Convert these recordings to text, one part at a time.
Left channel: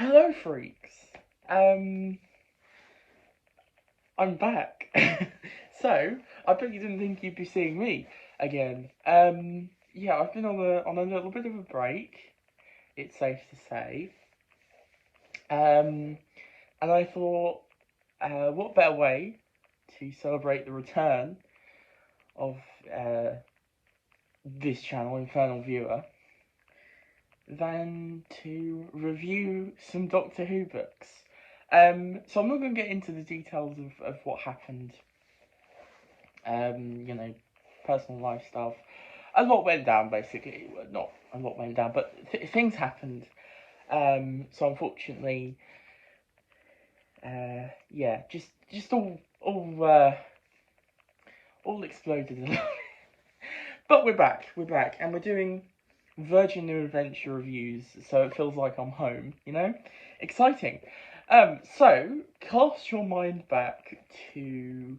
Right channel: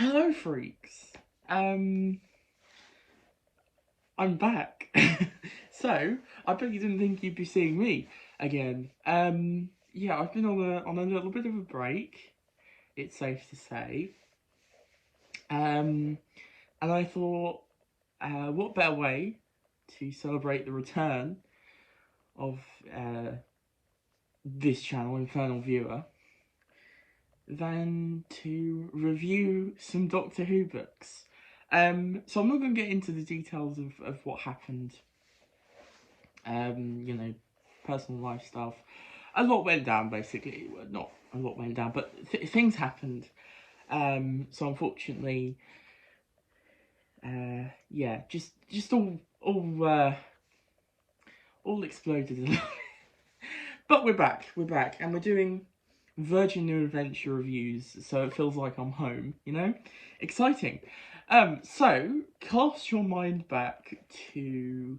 Hello, freaks. I'm back. So, I bet you didn't think you'd be seeing me again. Yeah, I've been on a little bit of a break. It's safe to say. And I thought, what better way to celebrate the return of this channel, Infernal Viewer, than to review some Doctor Who books. So I'm not going to get into the details of what happened, you know, personal life stuff. A lot went down, basically. Well, not a lot went down, but things happened. So unfortunately, yeah, just all exploded. But we're back, and we're doing Virgin New Adventure reviews, so it feels like I'm home, you know? Exciting. So, cast your mind back to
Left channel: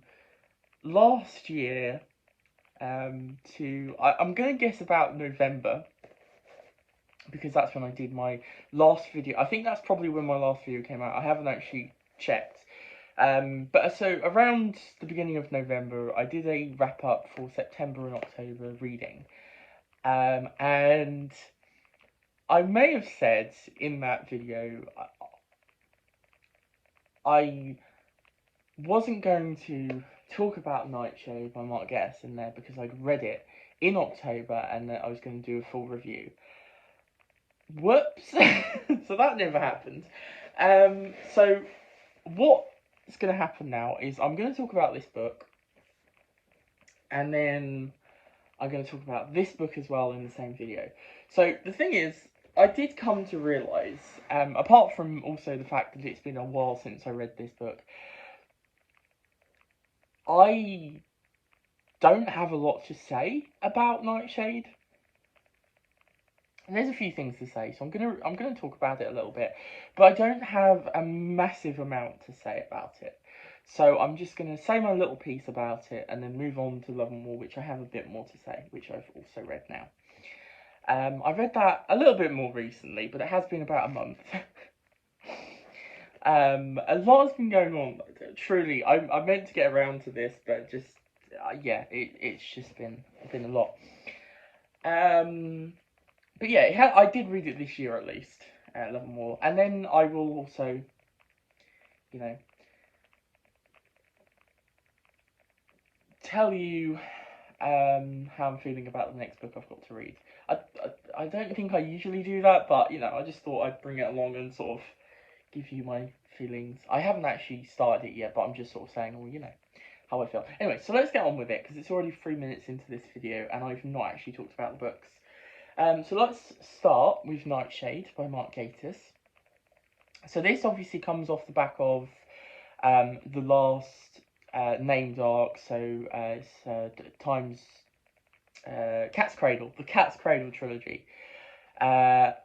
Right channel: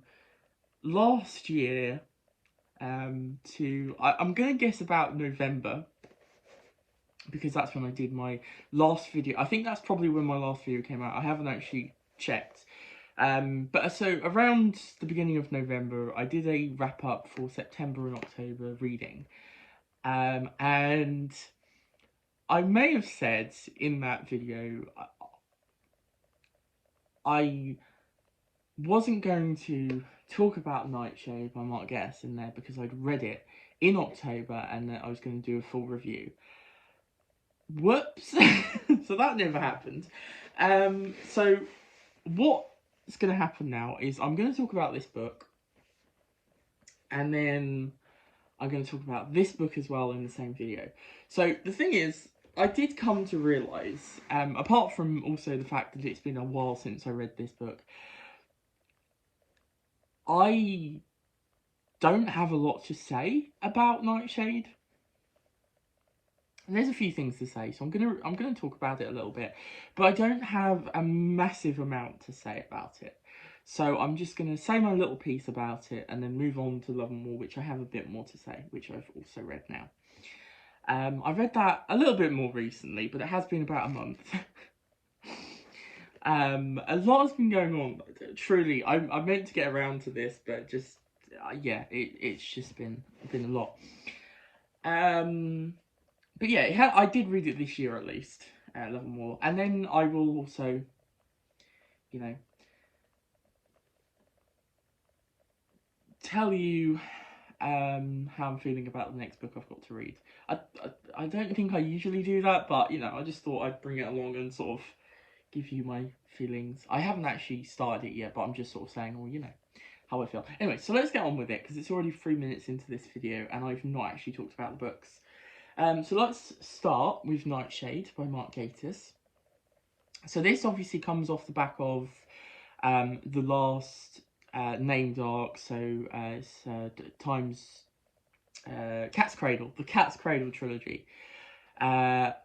last year, I'm going to guess about November, because that's when I did my last video. I think that's probably when my last video came out. I haven't actually checked. But so around the beginning of November, I did a wrap up for September and October reading. And I may have said in that video, I wasn't going to talk about Nightshade by Mark Gettis in there because I'd read it in October and that I was going to do a full review. Whoops! So that never happened. So what's going to happen now is I'm going to talk about this book, and then I'm going to talk about this book as well in the same video. So the thing is, I did come to realise, apart from also the fact that it's been a while since I read this book, I don't have a lot to say about Nightshade. And there's a few things to say, so I'm gonna talk about it a little bit, but I don't have a massive amount to say about it. So I'm just gonna say my little piece about it and then move on to Love and War, which I have a bit more to say, which I've also read now. I've read that a little bit more recently, but it has been about a month. A lot has been going on. Truly, I meant to get around to this, but just yeah, it's just been a lot. But yeah, I did read it this year at least, Love and War, and then I will also, you know, tell you how I'm feeling about the next book I've got to read. I don't think I usually do that, but you know, I just thought I'd bring it along and sort of give you my feelings. I haven't actually started it yet, but I'm just sort of saying, well, you know, how I feel. Anyway, so let's get on with it, because it's already 3 minutes into this video, and I've not actually talked about the books. So let's start with Nightshade by Mark Gatiss. So this obviously comes off the back of the last named arc, so it's Time's Cat's Cradle, the Cat's Cradle trilogy. And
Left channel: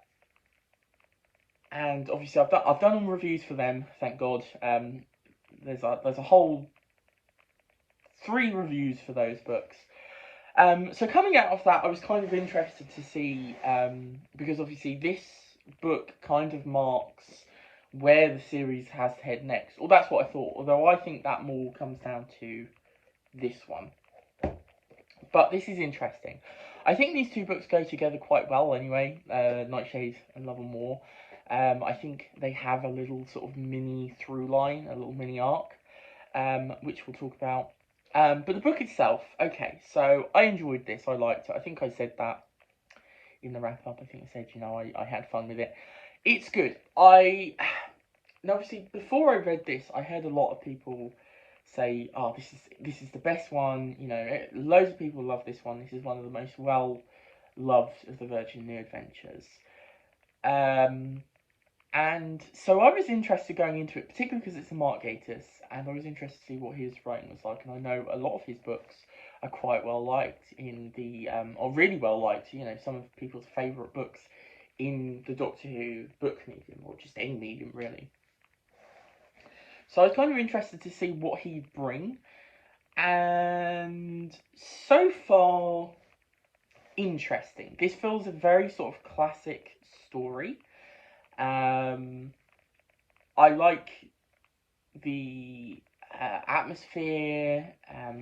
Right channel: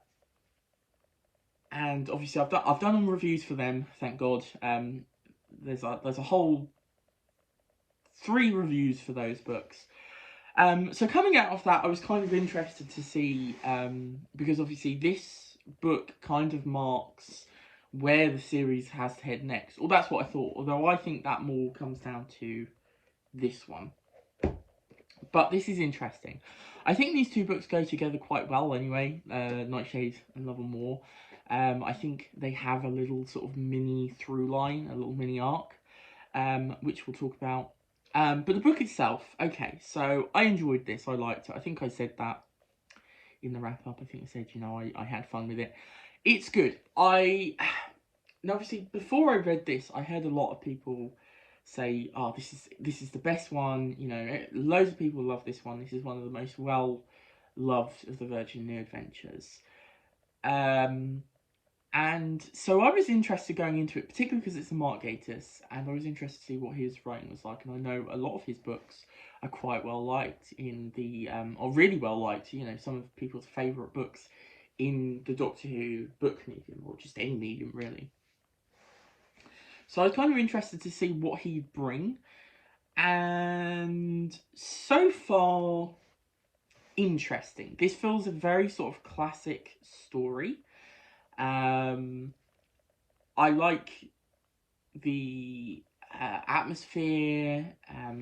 obviously I've done reviews for them, thank God. There's a whole 3 reviews for those books. So coming out of that, I was kind of interested to see, because obviously this book kind of marks where the series has to head next. Or that's what I thought, although I think that more comes down to this one. But this is interesting. I think these 2 books go together quite well anyway, Nightshade and Love and War. I think they have a little sort of mini through line, a little mini arc, which we'll talk about. But the book itself, okay, so I enjoyed this, I liked it. I think I said that in the wrap up. I think I said, you know, I had fun with it. It's good. Now obviously before I read this, I heard a lot of people say, oh, this is the best one, you know, loads of people love this one. This is one of the most well loved of the Virgin New Adventures. And so I was interested going into it, particularly because it's a Mark Gatiss, and I was interested to see what his writing was like. And I know a lot of his books are quite well liked in the, or really well liked, you know, some of people's favourite books in the Doctor Who book medium, or just any medium really. So I was kind of interested to see what he'd bring, and so far, interesting. This feels a very sort of classic story. I like the atmosphere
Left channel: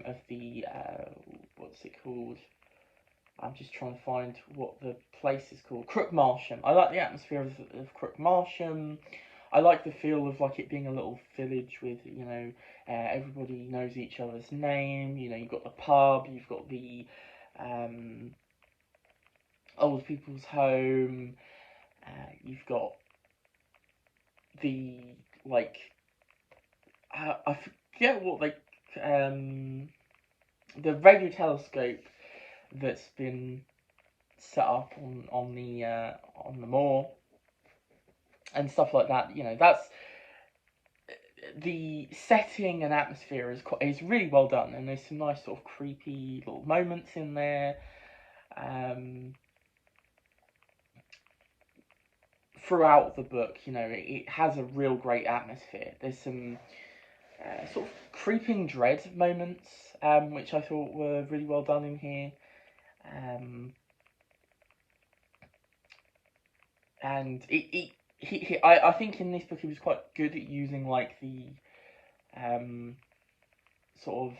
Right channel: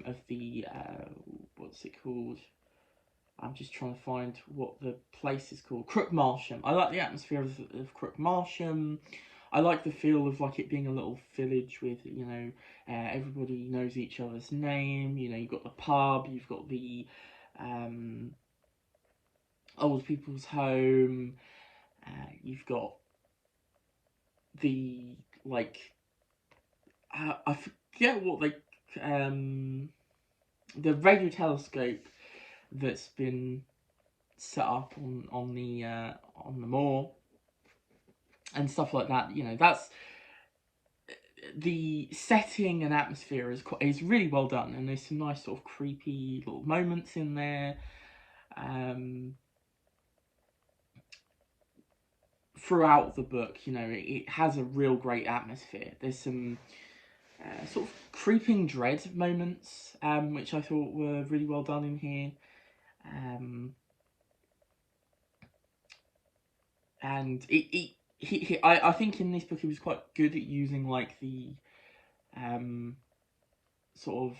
of the what's it called? I'm just trying to find what the place is called. Crook Marsham. I like the atmosphere of Crook Marsham. I like the feel of like it being a little village with, you know, everybody knows each other's name. You know, you've got the pub, you've got the old people's home, you've got the like I forget what they the radio telescope that's been set up on the moor and stuff like that. You know, that's the setting and atmosphere is really well done, and there's some nice sort of creepy little moments in there. Throughout the book, you know, it has a real great atmosphere. There's some sort of creeping dread moments, which I thought were really well done in here. And I think in this book he was quite good at using like the sort of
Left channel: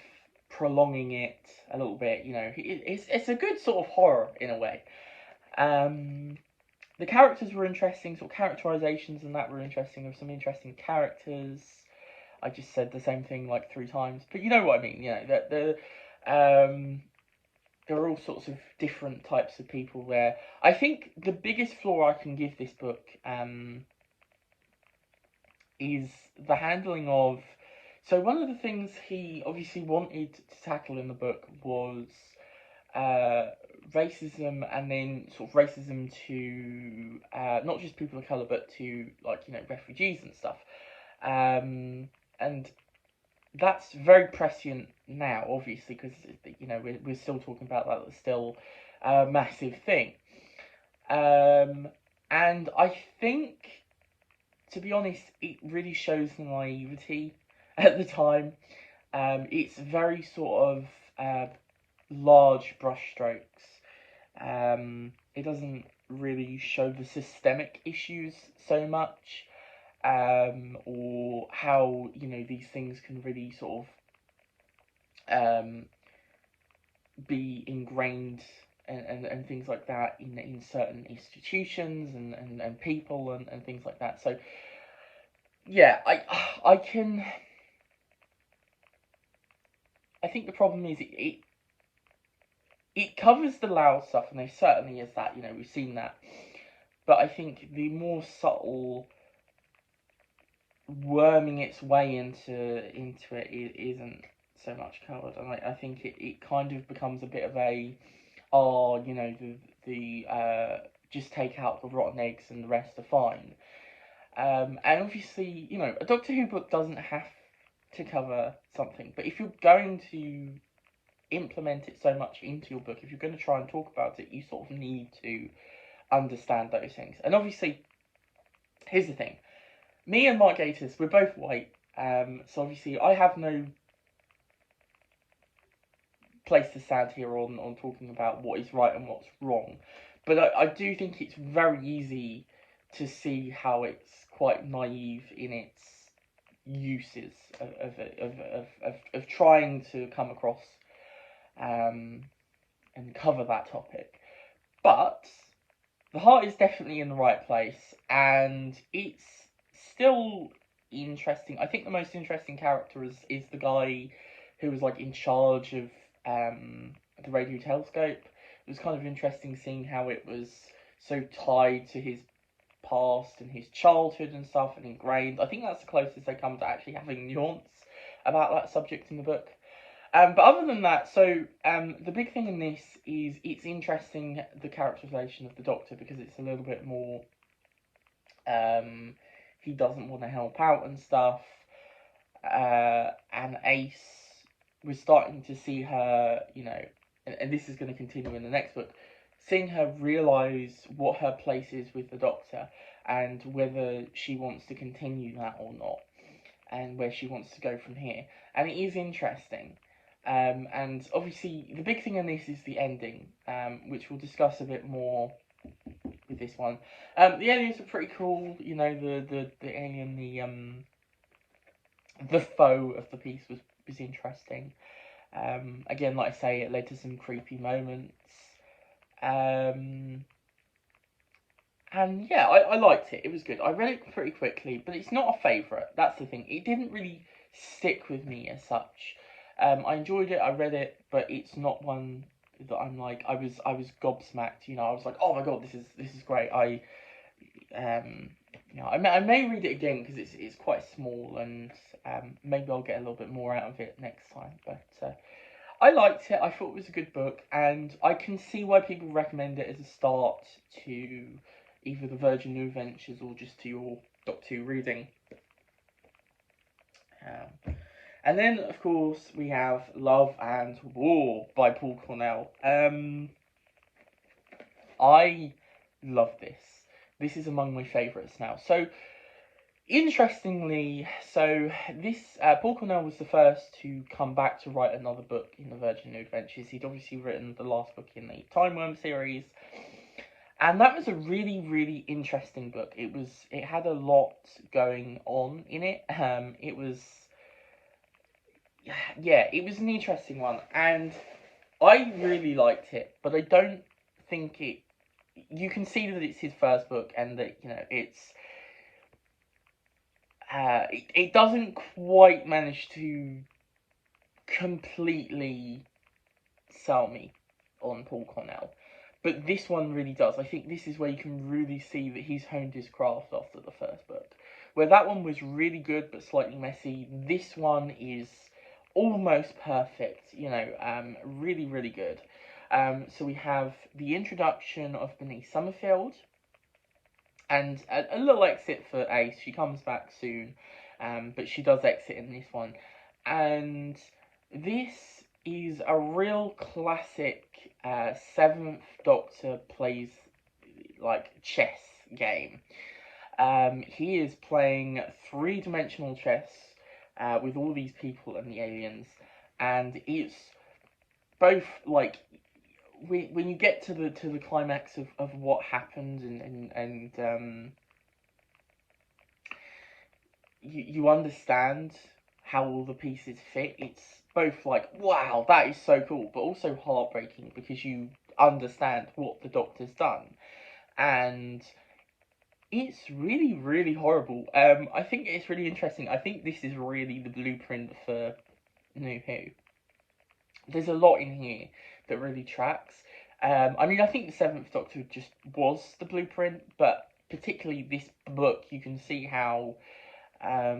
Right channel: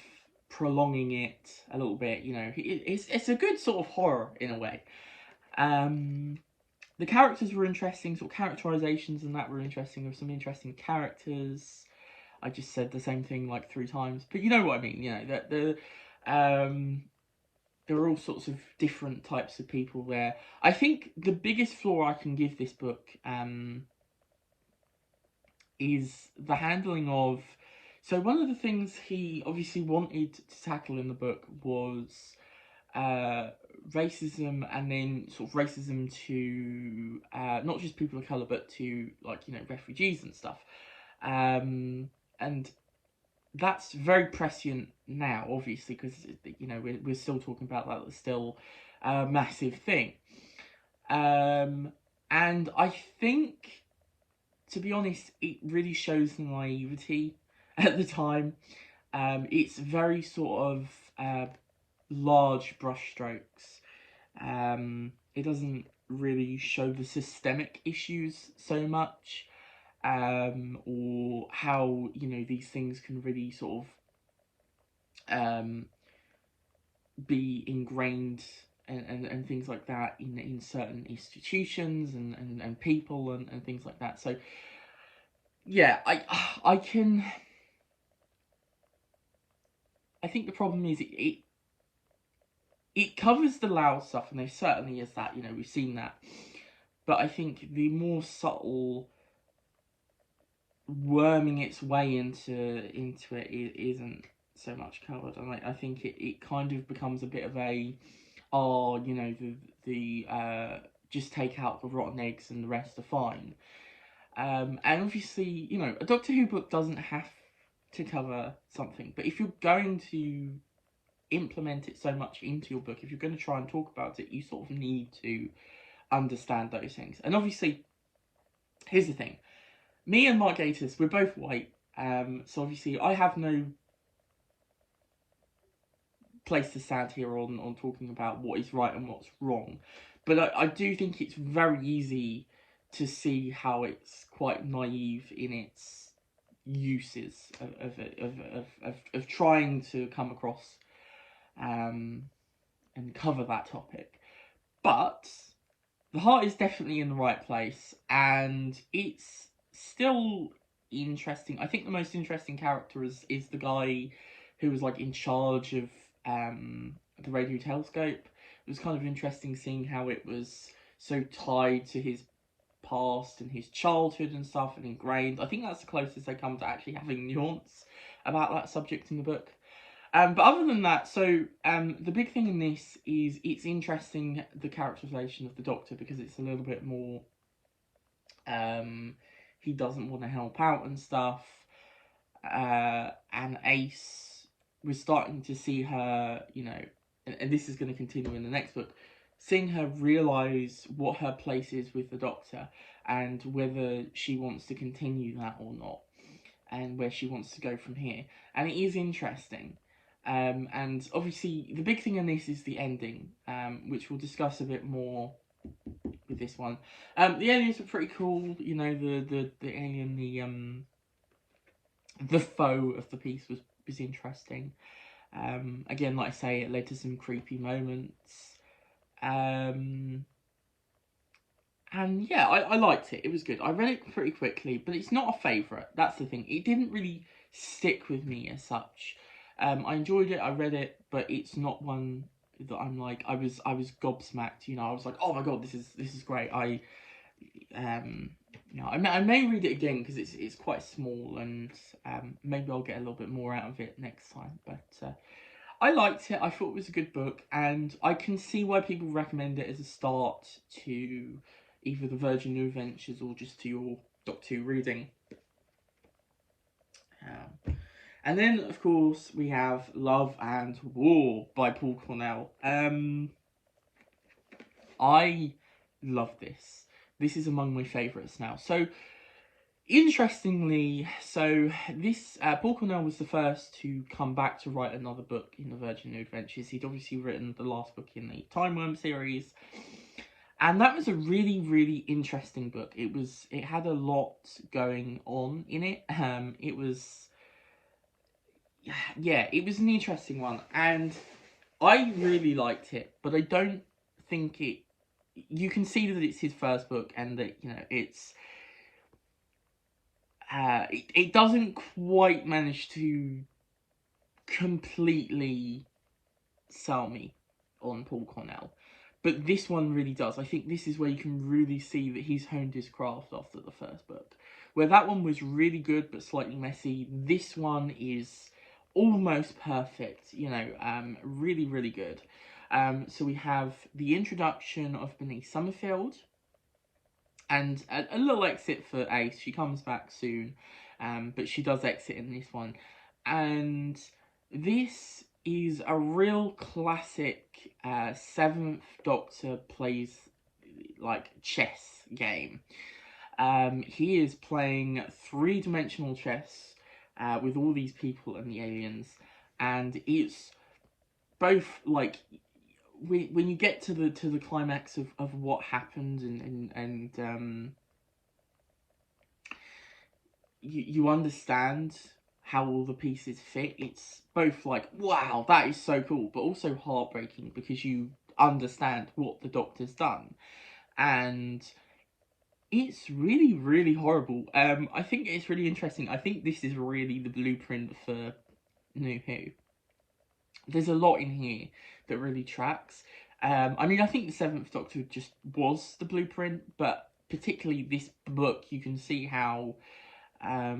prolonging it a little bit. You know, it's a good sort of horror in a way. The characters were interesting, sort of characterizations and that were interesting. There were some interesting characters. I just said the same thing like 3 times, but you know what I mean. You know that there are all sorts of different types of people there. I think the biggest flaw I can give this book is the handling of. So one of the things he obviously wanted to tackle in the book was racism, and then sort of racism to not just people of colour, but to like, you know, refugees and stuff. And that's very prescient now, obviously, because, you know, we're still talking about that. It's still a massive thing. And I think, to be honest, it really shows the naivety at the time. It's very sort of large brushstrokes. It doesn't really show the systemic issues so much, or how, you know, these things can really sort of be ingrained and things like that in certain institutions and people and things like that. So yeah, I think the problem is it covers the loud stuff, and there certainly is that, you know, we've seen that. But I think the more subtle worming its way into it isn't so much covered, and I think it kind of becomes a bit of a, oh, you know, the just take out the rotten eggs and the rest are fine. And obviously, you know, a Doctor Who book doesn't have to cover something, but if you're going to implement it so much into your book, if you're going to try and talk about it, you sort of need to understand those things. And obviously, here's the thing. Me and Mark Gatiss, we're both white, so obviously I have no place to stand here on talking about what is right and what's wrong. But I do think it's very easy to see how it's quite naive in its uses of trying to come across and cover that topic. But the heart is definitely in the right place, and it's still interesting. I think the most interesting character is the guy who was like in charge of the radio telescope. It was kind of interesting seeing how it was so tied to his past and his childhood and stuff, and ingrained. I think that's the closest they come to actually having nuance about that subject in the book. But other than that, so the big thing in this is it's interesting, the characterization of the Doctor, because it's a little bit more, he doesn't want to help out and stuff, and Ace, we're starting to see her, you know, and this is going to continue in the next book, seeing her realise what her place is with the Doctor, and whether she wants to continue that or not, and where she wants to go from here. And it is interesting. And obviously, the big thing in this is the ending, which we'll discuss a bit more with this one. The aliens are pretty cool. You know, the alien, the foe of the piece was interesting. Again, like I say, it led to some creepy moments. And yeah, I liked it. It was good. I read it pretty quickly, but it's not a favourite. That's the thing. It didn't really stick with me as such. I enjoyed it. I read it, but it's not one that I'm like. I was gobsmacked. You know, I was like, oh my god, this is great. You know, I may read it again because it's quite small, and maybe I'll get a little bit more out of it next time. But I liked it. I thought it was a good book, and I can see why people recommend it as a start to either the Virgin New Adventures or just to your Doctor Who reading. And then, of course, we have Love and War by Paul Cornell. I love this. This is among my favourites now. So, interestingly, this Paul Cornell was the first to come back to write another book in the Virgin New Adventures. He'd obviously written the last book in the Time Worm series, and that was a really, really interesting book. It had a lot going on in it. It was an interesting one, and I really liked it, but I don't think it. You can see that it's his first book, and that it doesn't quite manage to completely sell me on Paul Cornell. But this one really does. I think this is where you can really see that he's honed his craft after the first book. Where that one was really good but slightly messy, this one is almost perfect. You know, really, really good. So we have the introduction of Bernice Summerfield, and a little exit for Ace. She comes back soon, but she does exit in this one. And this is a real classic 7th Doctor plays like chess game. He is playing 3-dimensional chess with all these people and the aliens, and it's both like when you get to the climax of what happened, and you understand how all the pieces fit. It's both like, wow, that is so cool, but also heartbreaking because you understand what the Doctor's done, and it's really, really horrible. I think it's really interesting. I think this is really the blueprint for New Who. There's a lot in here that really tracks. I mean, I think the 7th Doctor just was the blueprint, but particularly this book, you can see how a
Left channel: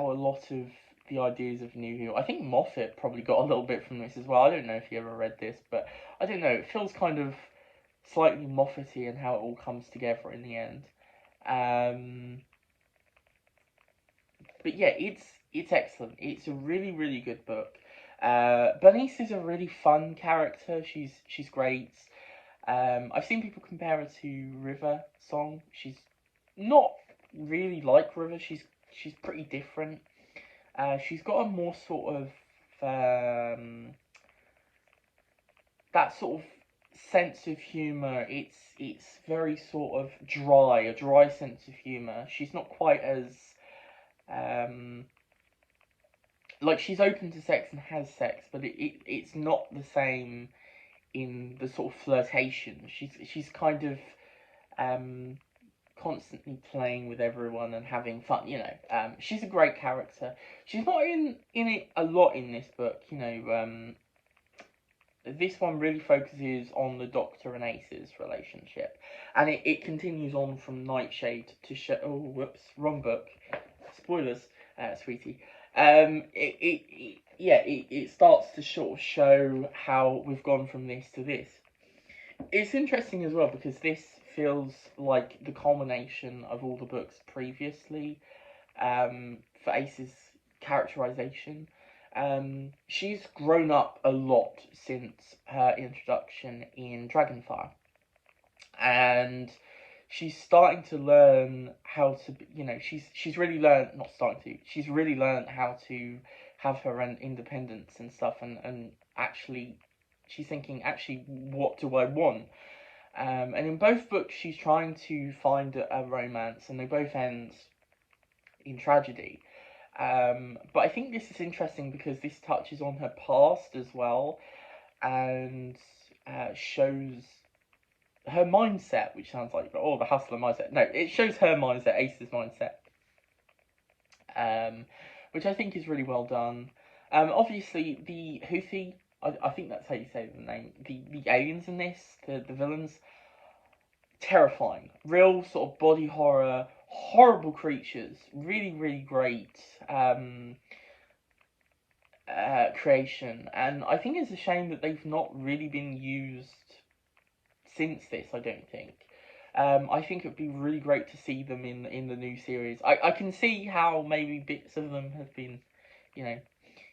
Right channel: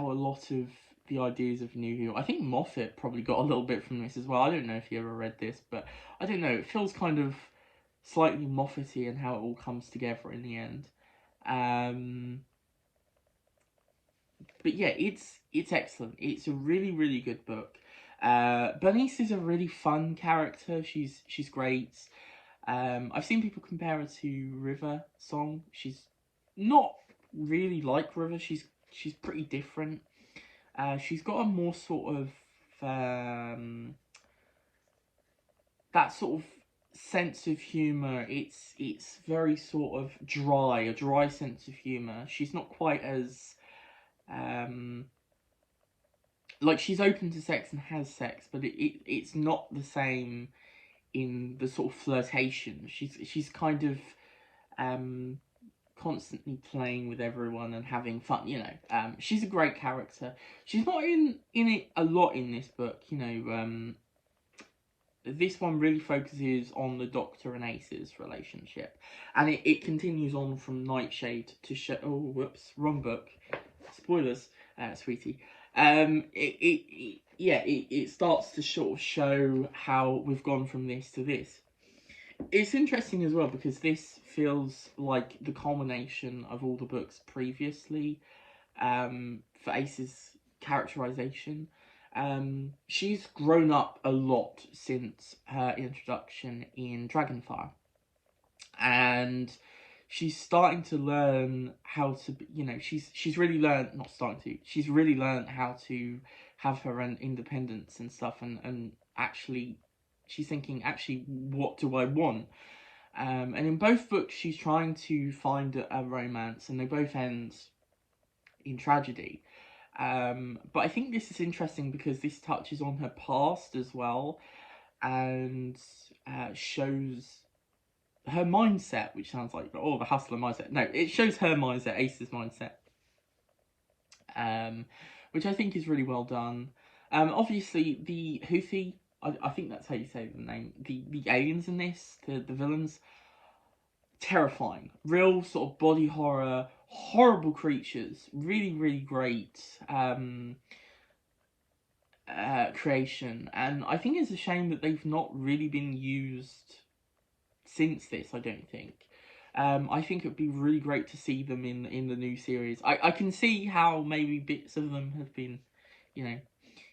lot of the ideas of New Who, I think Moffat probably got a little bit from this as well. I don't know if you ever read this, but I don't know, it feels kind of slightly Moffat-y and how it all comes together in the end. But yeah, it's excellent. It's a really, really good book. Bernice is a really fun character. She's great. I've seen people compare her to River Song. She's not really like River. She's pretty different. She's got a more sort of that sort of sense of humour. It's very sort of dry, a dry sense of humour. She's not quite as like, she's open to sex and has sex, but it's not the same in the sort of flirtation. She's kind of constantly playing with everyone and having fun, you know. She's a great character. She's not in it a lot in this book, you know. This one really focuses on the Doctor and Ace's relationship, and it continues on from Nightshade to show. Oh, whoops, wrong book. Spoilers, sweetie. It starts to sort of show how we've gone from this to this. It's interesting as well because this feels like the culmination of all the books previously for Ace's characterization. She's grown up a lot since her introduction in Dragonfire, and she's starting to learn how to, you know, she's really learned, not starting to, she's really learned how to have her own independence and stuff, and actually she's thinking, actually, what do I want? And in both books, she's trying to find a romance, and they both end in tragedy. But I think this is interesting because this touches on her past as well, and shows her mindset, which sounds like, oh, the hustler mindset. No, it shows her mindset, Ace's mindset, which I think is really well done. Obviously, the Houthi, I think that's how you say the name, the aliens in this, the villains, terrifying. Real sort of body horror, horrible creatures. Really, really great creation. And I think it's a shame that they've not really been used since this, I don't think. I think it would be really great to see them in the new series. I can see how maybe bits of them have been,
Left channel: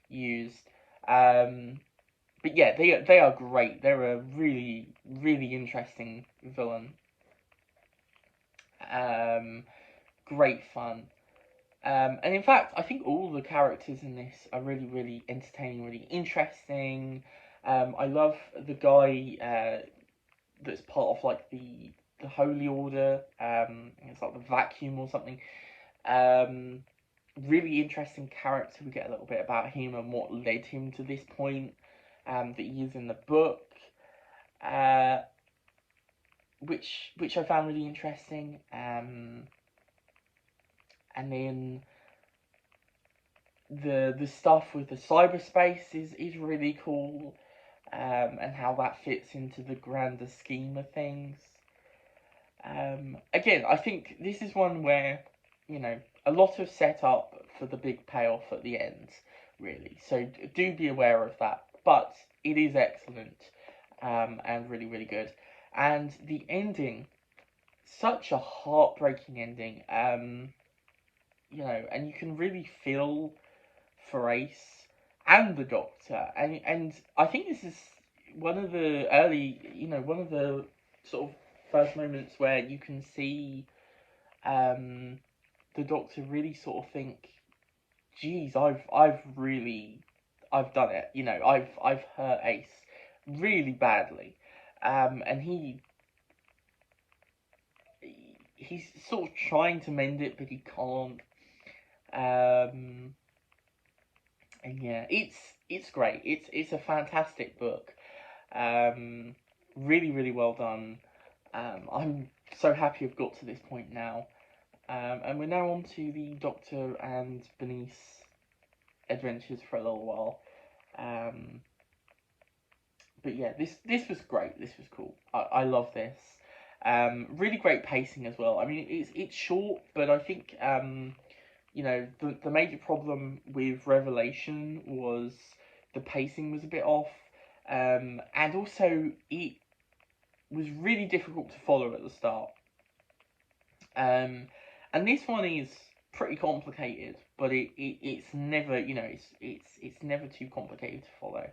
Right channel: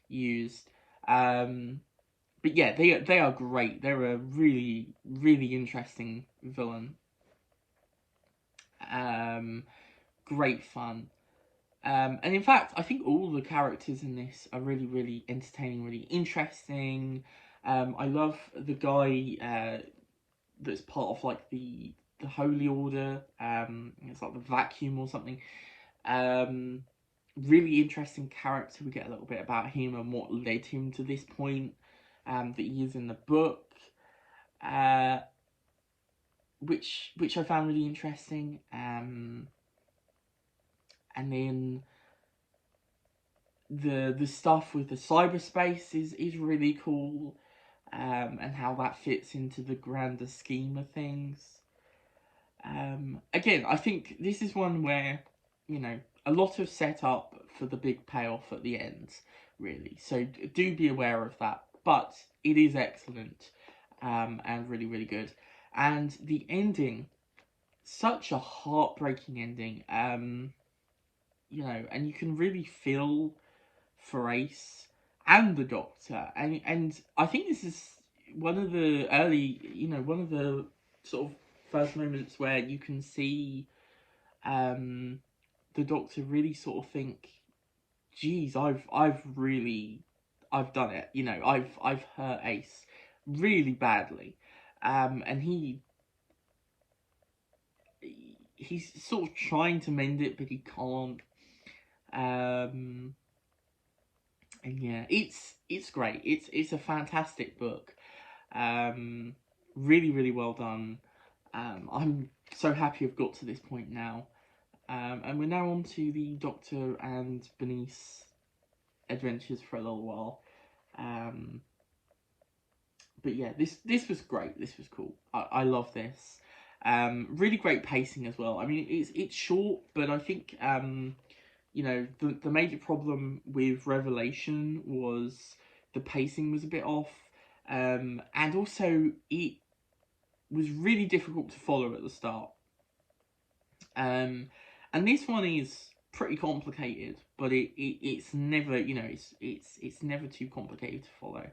used. But yeah, they are great. They're a really, really interesting villain. Great fun. And in fact, I think all the characters in this are really, really entertaining, really interesting. I love the guy that's part of like the Holy Order. It's like the Vacuum or something. Really interesting character. We get a little bit about him and what led him to this point that he is in the book. Which I found really interesting. And then the stuff with the cyberspace is really cool, and how that fits into the grander scheme of things. Again, I think this is one where, a lot of setup for the big payoff at the end, really. So do be aware of that. But it is excellent, and really, really good. And the ending, such a heartbreaking ending, and you can really feel for Ace and the Doctor, and I think this is one of the one of the sort of first moments where you can see the Doctor really sort of think, geez, I've done it, I've hurt Ace really badly, and he's sort of trying to mend it, but he can't. And yeah, it's great. It's a fantastic book. Really, really well done. I'm so happy I've got to this point now. And we're now on to the Doctor and Bernice adventures for a little while. But yeah, this was great. This was cool. I love this. Really great pacing as well. I mean, it's short, but I think the major problem with Revelation was the pacing was a bit off, and also it was really difficult to follow at the start. And this one is pretty complicated, but it's never it's never too complicated to follow.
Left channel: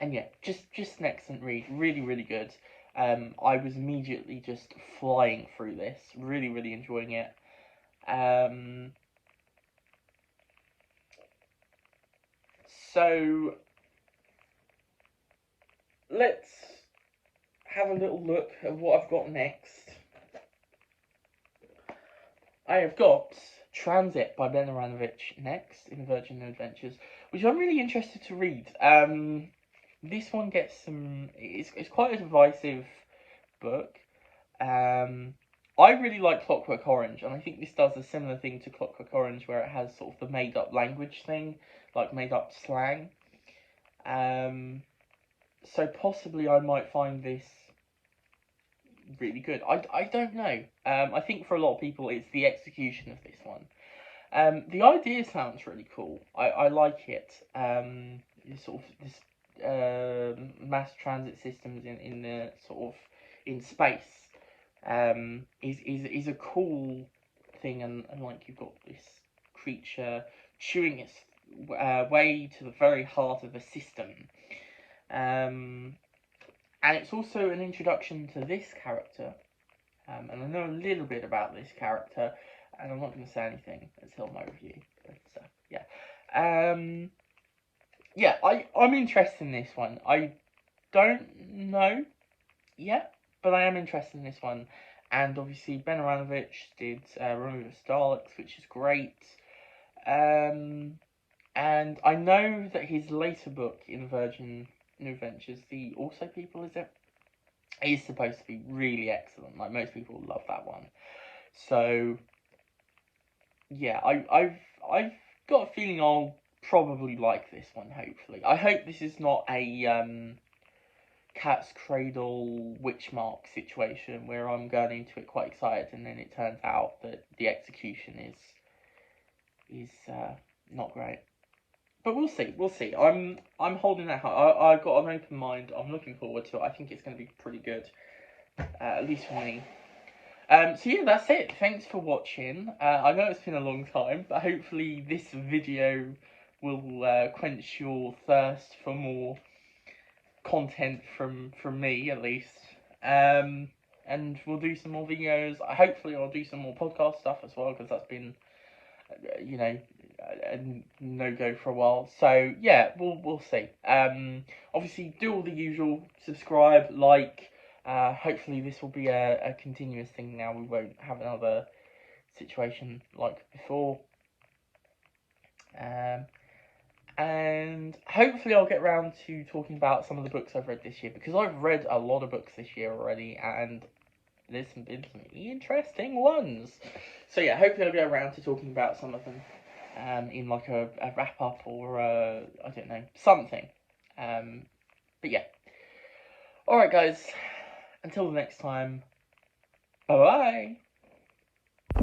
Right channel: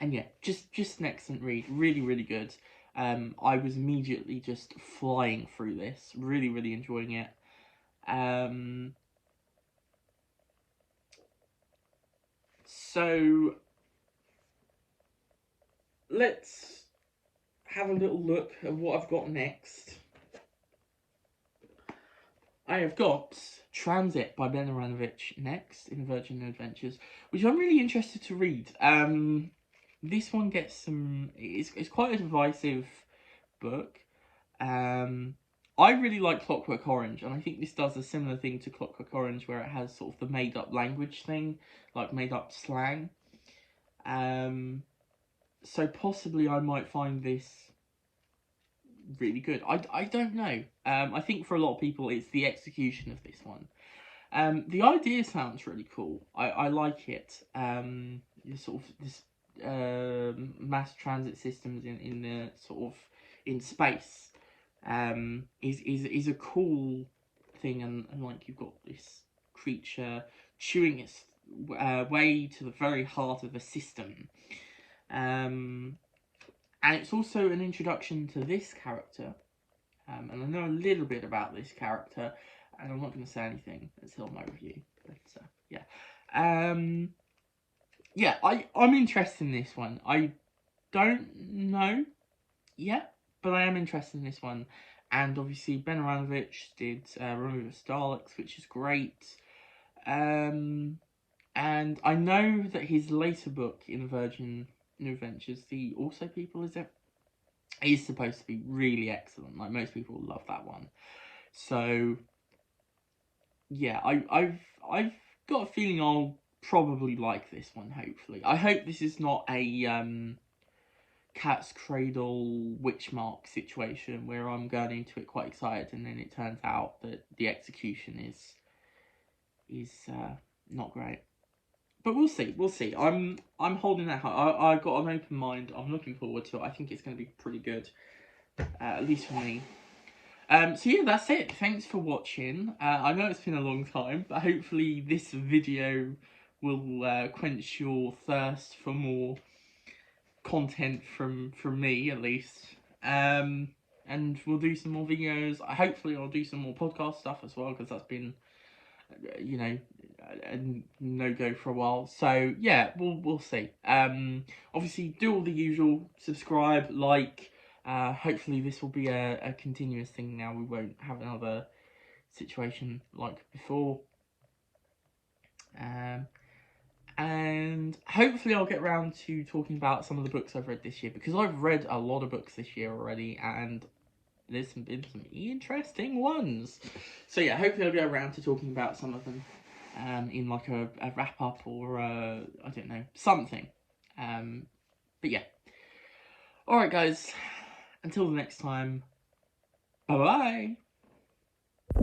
And yeah, just an excellent read, really, really good. I was immediately just flying through this, really, really enjoying it. So let's have a little look at what I've got next. I have got Transit by Ben Aranovich next in Virgin Adventures, which I'm really interested to read. This one gets some. It's quite a divisive book. I really like Clockwork Orange, and I think this does a similar thing to Clockwork Orange, where it has sort of the made-up language thing, like made-up slang. So possibly I might find this really good. I don't know. I think for a lot of people, it's the execution of this one. The idea sounds really cool. I like it. This mass transit systems in the sort of in space is a cool thing, and like you've got this creature chewing its way to the very heart of a system, and it's also an introduction to this character, and I know a little bit about this character, and I'm not going to say anything until my review, but yeah. Yeah, I'm interested in this one. I don't know yet, but I am interested in this one. And obviously Ben Aranovich did Remove the Daleks, which is great. And I know that his later book in Virgin New Adventures, the Also People, is it? Is supposed to be really excellent. Like, most people love that one. So yeah, I've got a feeling I'll probably like this one. Hopefully, I hope this is not a Cat's Cradle Witchmark situation where I'm going into it quite excited and then it turns out that the execution is not great. But we'll see. We'll see. I'm holding that high. I've got an open mind. I'm looking forward to it. I think it's going to be pretty good, at least for me. So yeah, that's it. Thanks for watching. I know it's been a long time, but hopefully this video will quench your thirst for more content from me, at least. And we'll do some more videos. Hopefully I'll do some more podcast stuff as well, because that's been, you know, a no-go for a while. So yeah, we'll see. Obviously do all the usual: subscribe, like. Hopefully this will be a continuous thing now. We won't have another situation like before. And hopefully I'll get around to talking about some of the books I've read this year, because I've read a lot of books this year already, and there's been some interesting ones. So yeah, hopefully I'll get around to talking about some of them in like a wrap-up or I don't know, something. But yeah. Alright guys, until the next time, bye-bye!